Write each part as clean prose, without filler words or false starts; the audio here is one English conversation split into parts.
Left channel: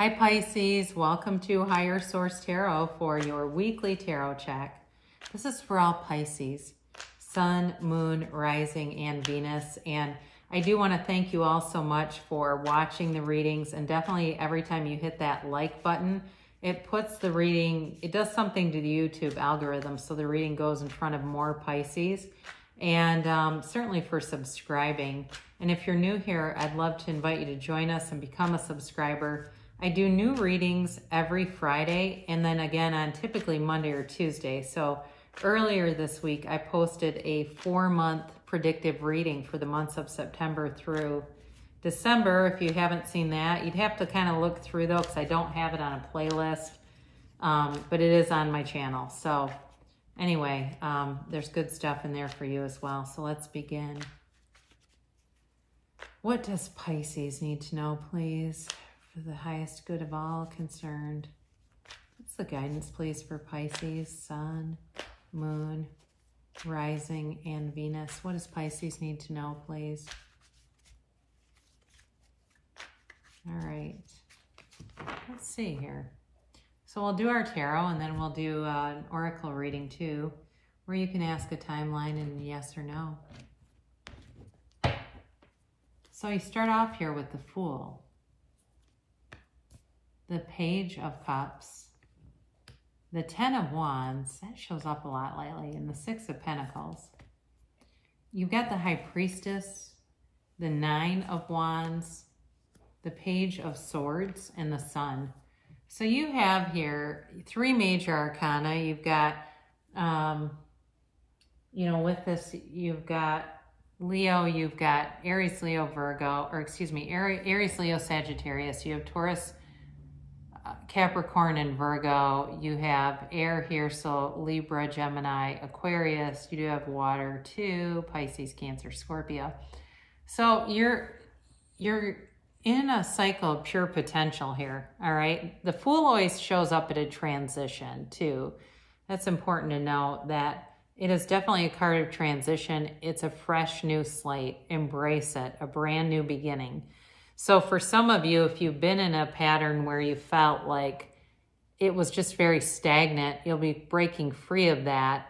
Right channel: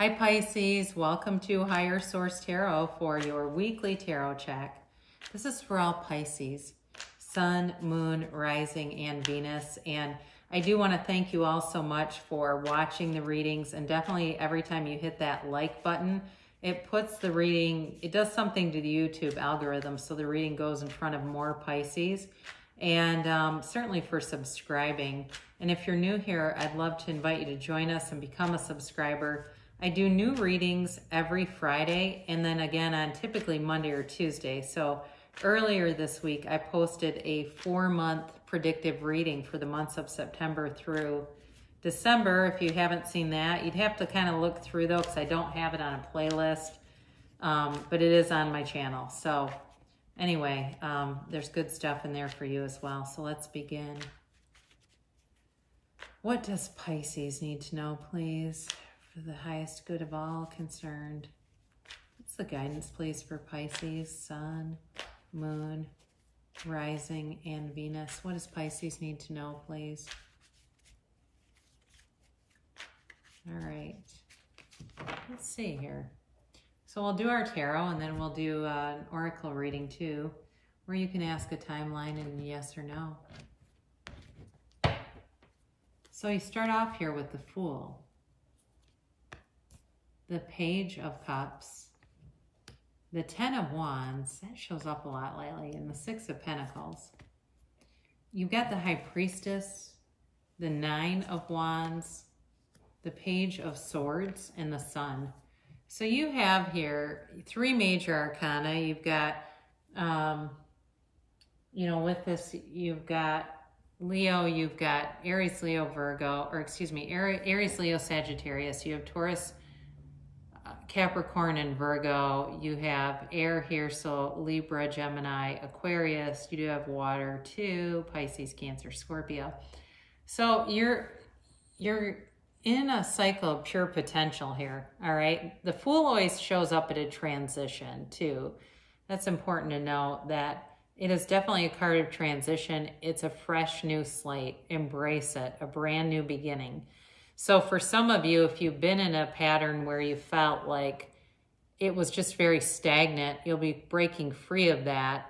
Hi Pisces, welcome to Higher Source Tarot for your weekly tarot check. This is for all Pisces, Sun, Moon, Rising, and Venus. And I do want to thank you all so much for watching the readings. And definitely every time you hit that like button, it puts the reading, it does something to the YouTube algorithm so the reading goes in front of more Pisces. And certainly for subscribing. And if you're new here, I'd love to invite you to join us and become a subscriber. I do new readings every Friday and then again on typically Monday or Tuesday. So earlier this week, I posted a 4-month predictive reading for the months of September through December. If you haven't seen that, you'd have to kind of look through though, because I don't have it on a playlist, but it is on my channel. So anyway, there's good stuff in there for you as well. So let's begin. What does Pisces need to know, please? For the highest good of all concerned. What's the guidance, please, for Pisces, Sun, Moon, Rising, and Venus? What does Pisces need to know, please? All right. Let's see here. So we'll do our tarot, and then we'll do an oracle reading, too, where you can ask a timeline and yes or no. So you start off here with the Fool, the Page of Cups, the Ten of Wands, that shows up a lot lately, and the Six of Pentacles. You've got the High Priestess, the Nine of Wands, the Page of Swords, and the Sun. So you have here 3 major arcana. You've got, with this, you've got Leo, you've got Aries, Leo, Virgo, or excuse me, Aries, Leo, Sagittarius. You have Taurus, Capricorn, and Virgo. You have air here, so Libra, Gemini, Aquarius. You do have water too, Pisces, Cancer, Scorpio. So you're in a cycle of pure potential here, all right? The Fool always shows up at a transition too. That's important to know that it is definitely a card of transition. It's a fresh new slate. Embrace it, a brand new beginning. So for some of you, if you've been in a pattern where you felt like it was just very stagnant, you'll be breaking free of that.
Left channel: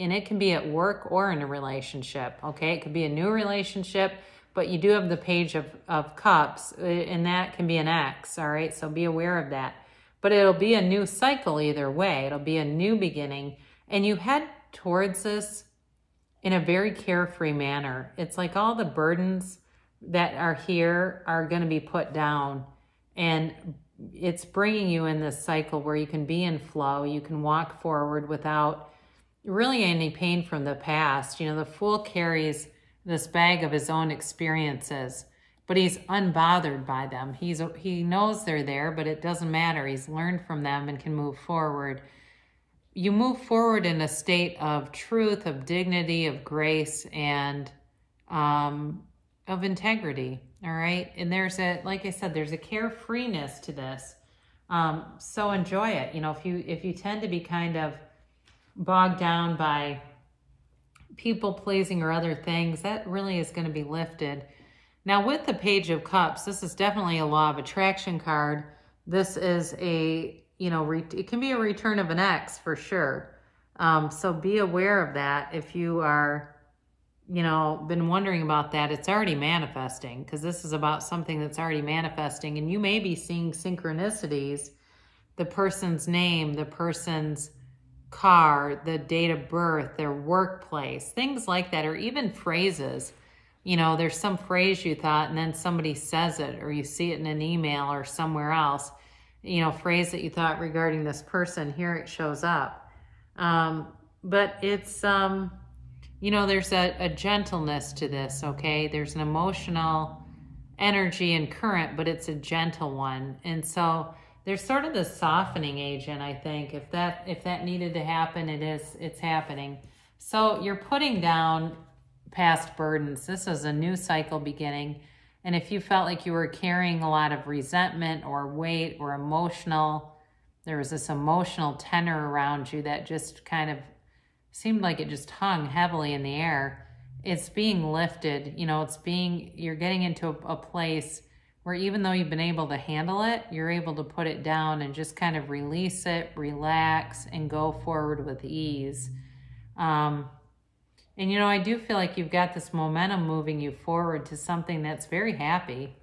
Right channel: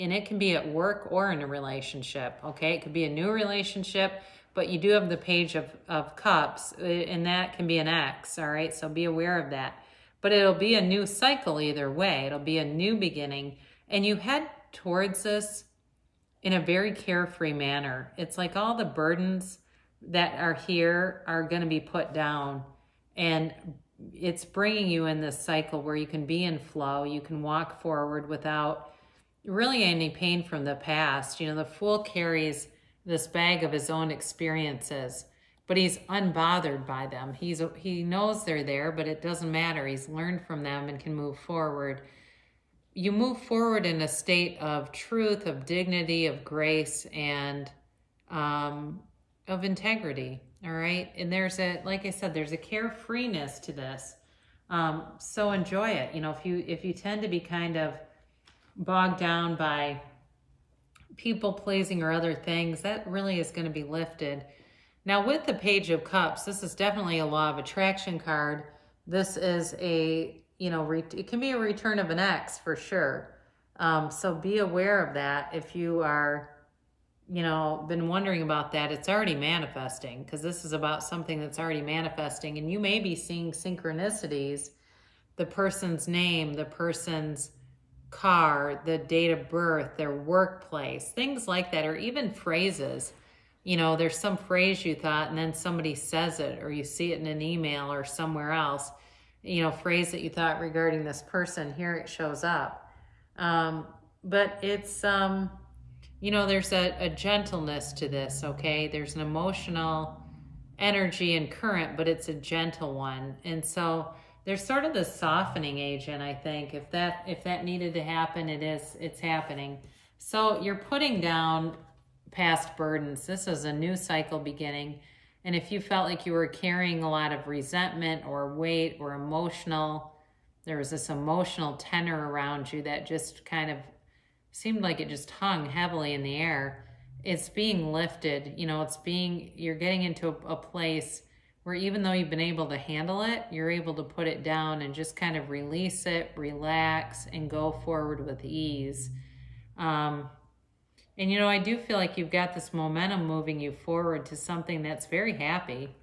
And it can be at work or in a relationship, okay? It could be a new relationship, but you do have the Page of Cups, and that can be an ex, all right? So be aware of that. But it'll be a new cycle either way. It'll be a new beginning. And you head towards this in a very carefree manner. It's like all the burdens that are here are going to be put down, and it's bringing you in this cycle where you can be in flow. You can walk forward without really any pain from the past. You know, the Fool carries this bag of his own experiences, but he's unbothered by them. He knows they're there, but it doesn't matter. He's learned from them and can move forward. You move forward in a state of truth, of dignity, of grace, and of integrity, all right? And there's like I said, there's a carefreeness to this. So enjoy it. You know, if you tend to be kind of bogged down by people pleasing or other things, that really is going to be lifted. Now with the Page of Cups, this is definitely a law of attraction card. This is a, it can be a return of an ex for sure. So be aware of that. If you are, been wondering about that, it's already manifesting, because this is about something that's already manifesting, and you may be seeing synchronicities, the person's name, the person's car, the date of birth, their workplace, things like that, or even phrases. There's some phrase you thought, and then somebody says it, or you see it in an email or somewhere else, phrase that you thought regarding this person, here it shows up. But it's, there's a gentleness to this, okay? There's an emotional energy and current, but it's a gentle one. And so there's sort of the softening agent, I think. If that needed to happen, it's happening. So you're putting down past burdens. This is a new cycle beginning. And if you felt like you were carrying a lot of resentment or weight or there was this emotional tenor around you that just kind of seemed like it just hung heavily in the air, it's being lifted. You're getting into a place where even though you've been able to handle it, you're able to put it down and just kind of release it, relax, and go forward with ease. And you know, I do feel like you've got this momentum moving you forward to something that's very happy.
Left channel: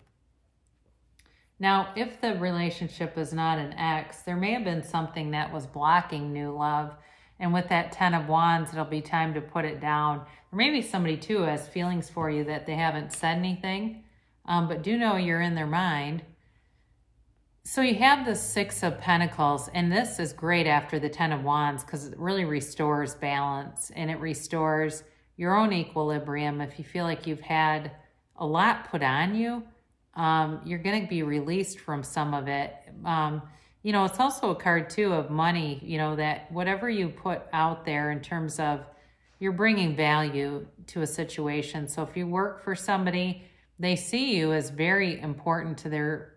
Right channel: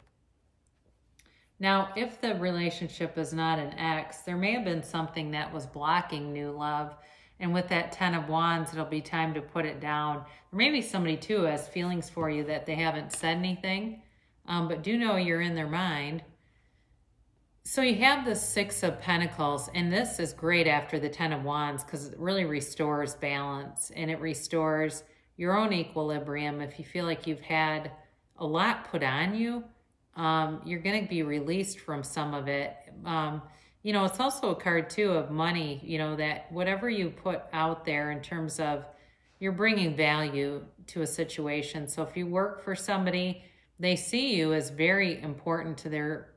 Now, if the relationship is not an ex, there may have been something that was blocking new love. And with that 10 of Wands, it'll be time to put it down. Or maybe somebody too has feelings for you that they haven't said anything, but do know you're in their mind. So you have the 6 of Pentacles, and this is great after the 10 of Wands because it really restores balance and it restores your own equilibrium. If you feel like you've had a lot put on you, you're going to be released from some of it. You know, it's also a card too of money, you know, that whatever you put out there in terms of you're bringing value to a situation. So if you work for somebody, they see you as very important to their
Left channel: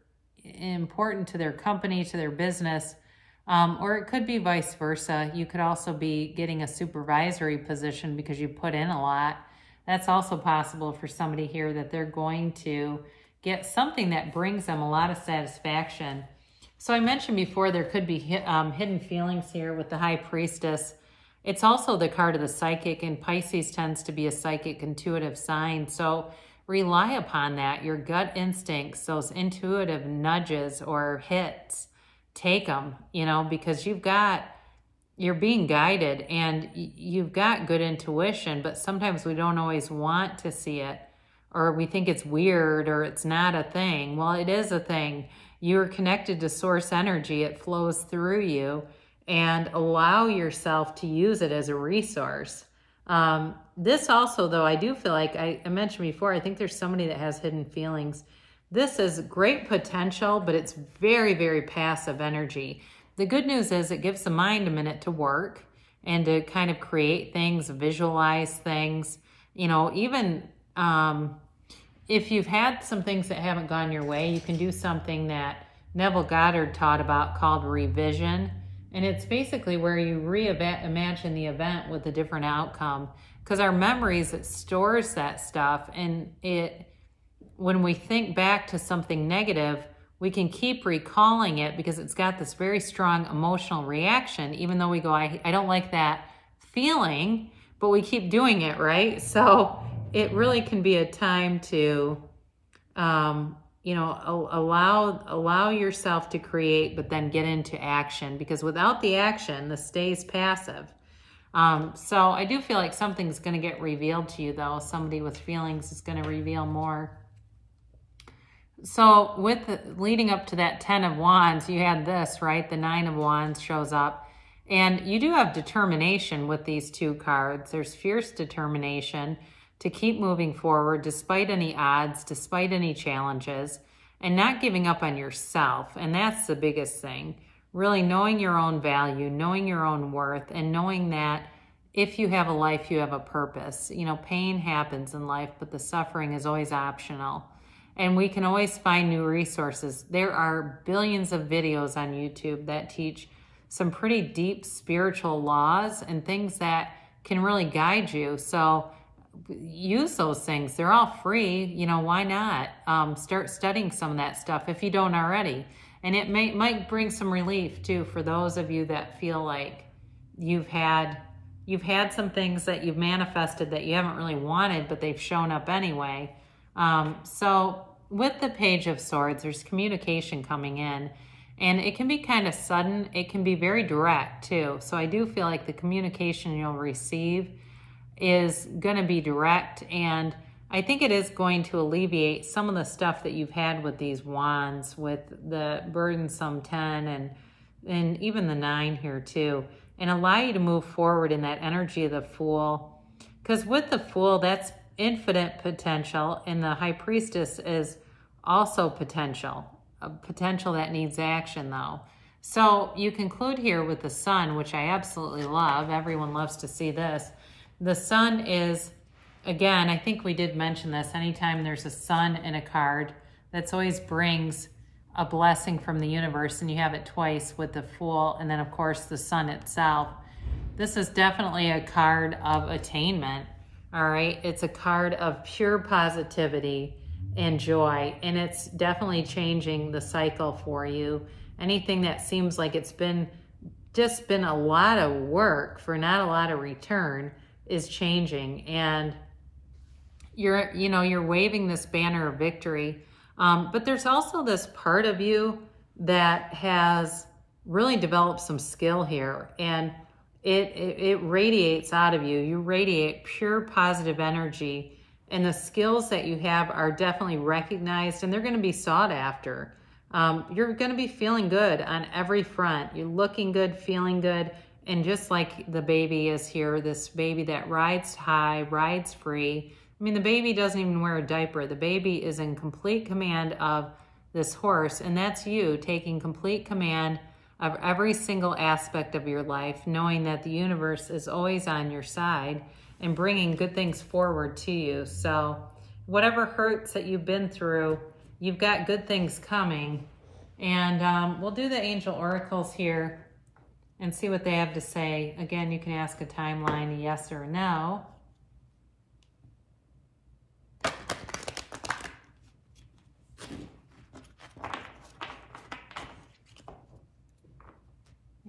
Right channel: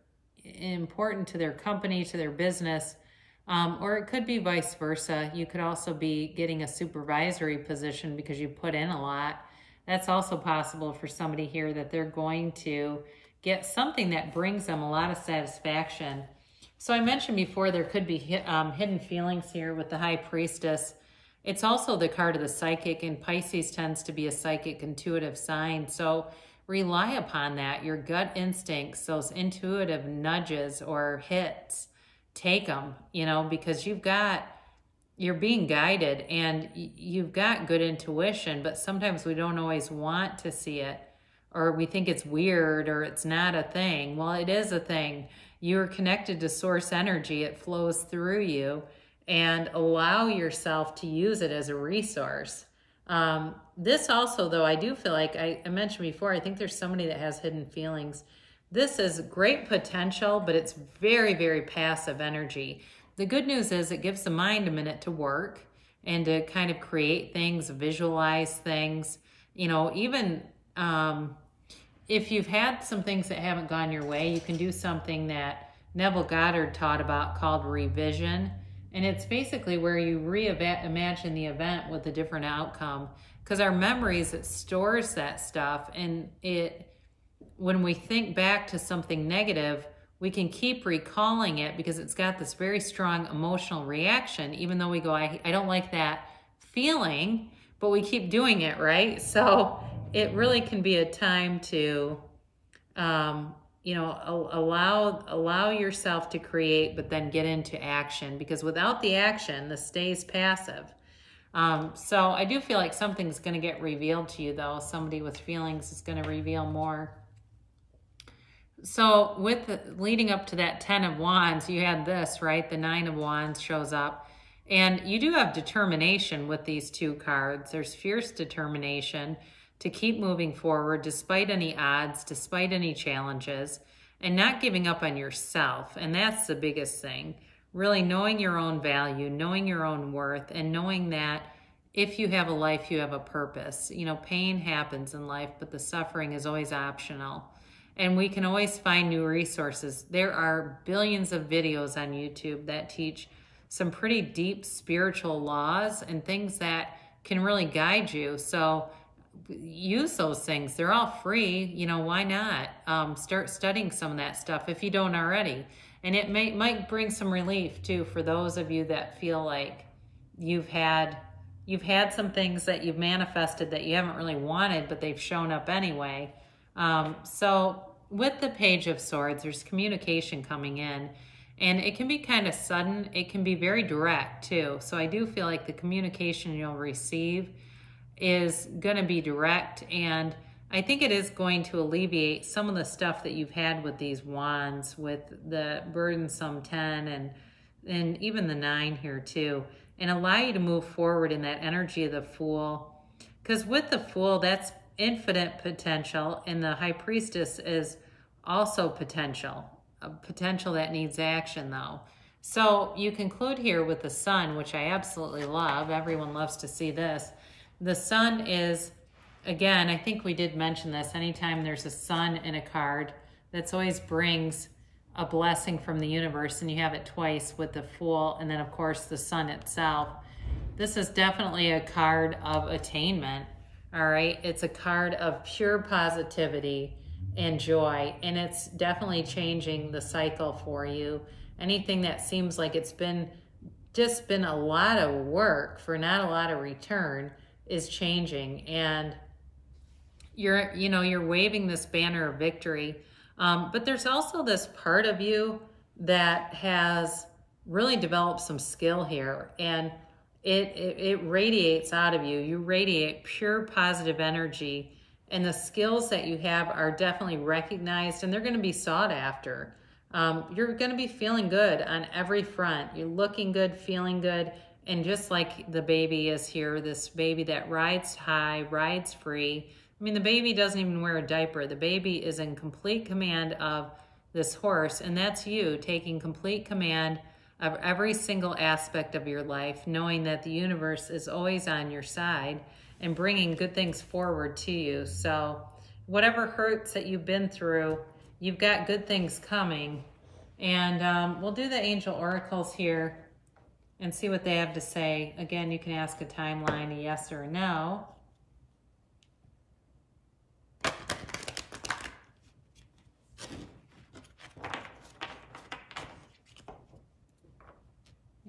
company, to their business, or it could be vice versa. You could also be getting a supervisory position because you put in a lot. That's also possible for somebody here, that they're going to get something that brings them a lot of satisfaction. So I mentioned before there could be hidden feelings here with the High Priestess. It's also the card of the psychic, and Pisces tends to be a psychic intuitive sign. So rely upon that, your gut instincts, those intuitive nudges or hits. Take them, you know, because you're being guided and you've got good intuition, but sometimes we don't always want to see it, or we think it's weird or it's not a thing. Well, it is a thing. You're connected to source energy. It flows through you, and allow yourself to use it as a resource. This also, though, I do feel like I mentioned before, I think there's somebody that has hidden feelings. This is great potential, but it's very, very passive energy. The good news is it gives the mind a minute to work and to kind of create things, visualize things. You know, even if you've had some things that haven't gone your way, you can do something that Neville Goddard taught about called revision. And it's basically where you reimagine the event with a different outcome. Because our memories, it stores that stuff. And when we think back to something negative, we can keep recalling it because it's got this very strong emotional reaction, even though we go, I don't like that feeling, but we keep doing it, right? So it really can be a time to, you know, allow yourself to create, but then get into action, because without the action, this stays passive. So I do feel like something's going to get revealed to you, though. Somebody with feelings is going to reveal more. So leading up to that 10 of Wands, you had this, right? The 9 of Wands shows up. And you do have determination with these two cards. There's fierce determination to keep moving forward despite any odds, despite any challenges, and not giving up on yourself. And that's the biggest thing. Really knowing your own value, knowing your own worth, and knowing that if you have a life, you have a purpose. You know, pain happens in life, but the suffering is always optional. And we can always find new resources. There are billions of videos on YouTube that teach some pretty deep spiritual laws and things that can really guide you. So use those things. They're all free. You know, why not? Start studying some of that stuff if you don't already. And it might bring some relief too for those of you that feel like you've had some things that you've manifested that you haven't really wanted, but they've shown up anyway. So with the Page of Swords, there's communication coming in, and it can be kind of sudden. It can be very direct too. So I do feel like the communication you'll receive is going to be direct, and I think it is going to alleviate some of the stuff that you've had with these wands, with the burdensome 10 and even the 9 here too, and allow you to move forward in that energy of the Fool. Because with the Fool, that's infinite potential, and the High Priestess is also potential, a potential that needs action though. So you conclude here with the Sun, which I absolutely love. Everyone loves to see this. The Sun is, again, I think we did mention this, anytime there's a sun in a card, that's always brings a blessing from the universe, and you have it twice with the Fool, and then of course the Sun itself. This is definitely a card of attainment, all right? It's a card of pure positivity, and joy. And it's definitely changing the cycle for you. Anything that seems like it's just been a lot of work for not a lot of return is changing. And you're waving this banner of victory. But there's also this part of you that has really developed some skill here, and it radiates out of you. You radiate pure positive energy, and the skills that you have are definitely recognized, and they're going to be sought after. You're going to be feeling good on every front. You're looking good, feeling good, and just like the baby is here, this baby that rides high, rides free. I mean, the baby doesn't even wear a diaper. The baby is in complete command of this horse, and that's you taking complete command of every single aspect of your life, knowing that the universe is always on your side and bringing good things forward to you. So whatever hurts that you've been through, you've got good things coming. And we'll do the angel oracles here and see what they have to say. Again, you can ask a timeline, a yes or a no.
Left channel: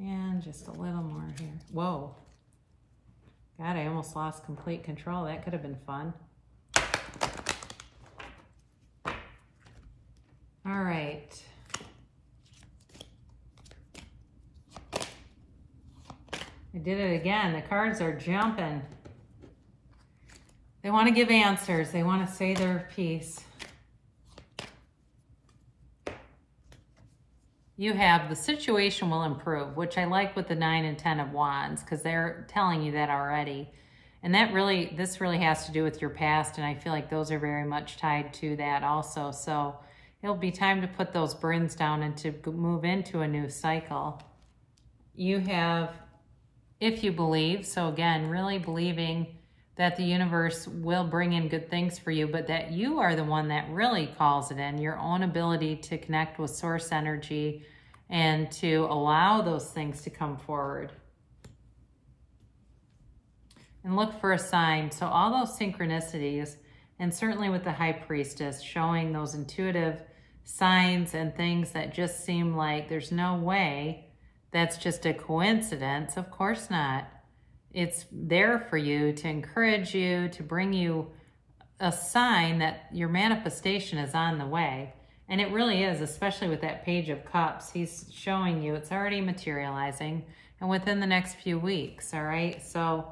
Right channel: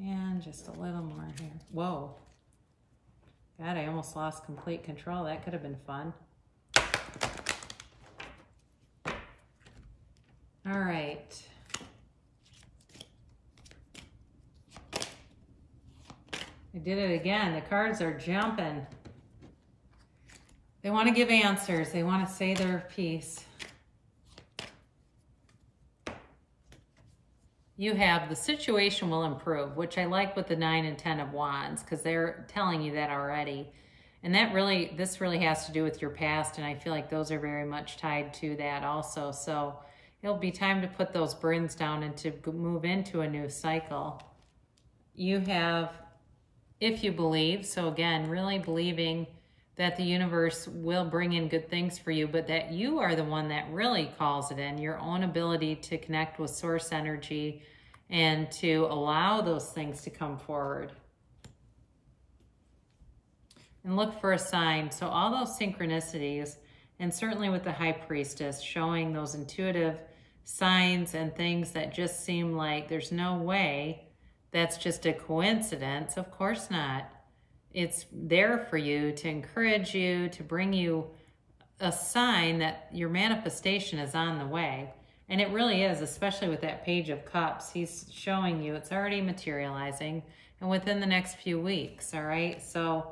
And just a little more here. Whoa. God, I almost lost complete control. That could have been fun. All right. I did it again. The cards are jumping. They want to give answers. They want to say their piece. You have the situation will improve, which I like with the 9 and 10 of Wands, because they're telling you that already. And this really has to do with your past, and I feel like those are very much tied to that also. So it'll be time to put those burdens down and to move into a new cycle. You have, if you believe, so again, really believing that the universe will bring in good things for you, but that you are the one that really calls it in, your own ability to connect with source energy and to allow those things to come forward. And look for a sign. So all those synchronicities, and certainly with the High Priestess, showing those intuitive signs and things that just seem like there's no way that's just a coincidence. Of course not. It's there for you to encourage you, to bring you a sign that your manifestation is on the way. And it really is, especially with that Page of Cups. He's showing you it's already materializing and within the next few weeks, all right? So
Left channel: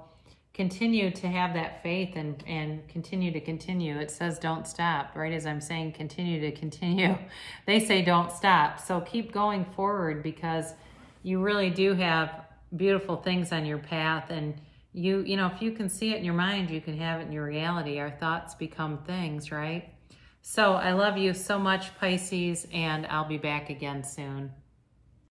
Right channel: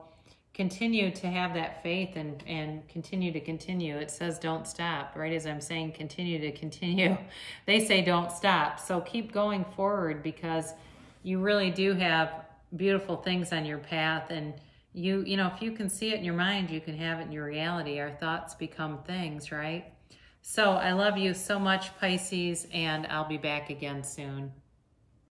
continue to have that faith and continue to continue. It says don't stop, right? As I'm saying, continue to continue. They say don't stop. So keep going forward, because you really do have beautiful things on your path, and you know, if you can see it in your mind, you can have it in your reality. Our thoughts become things, right? So I love you so much, Pisces, and I'll be back again soon.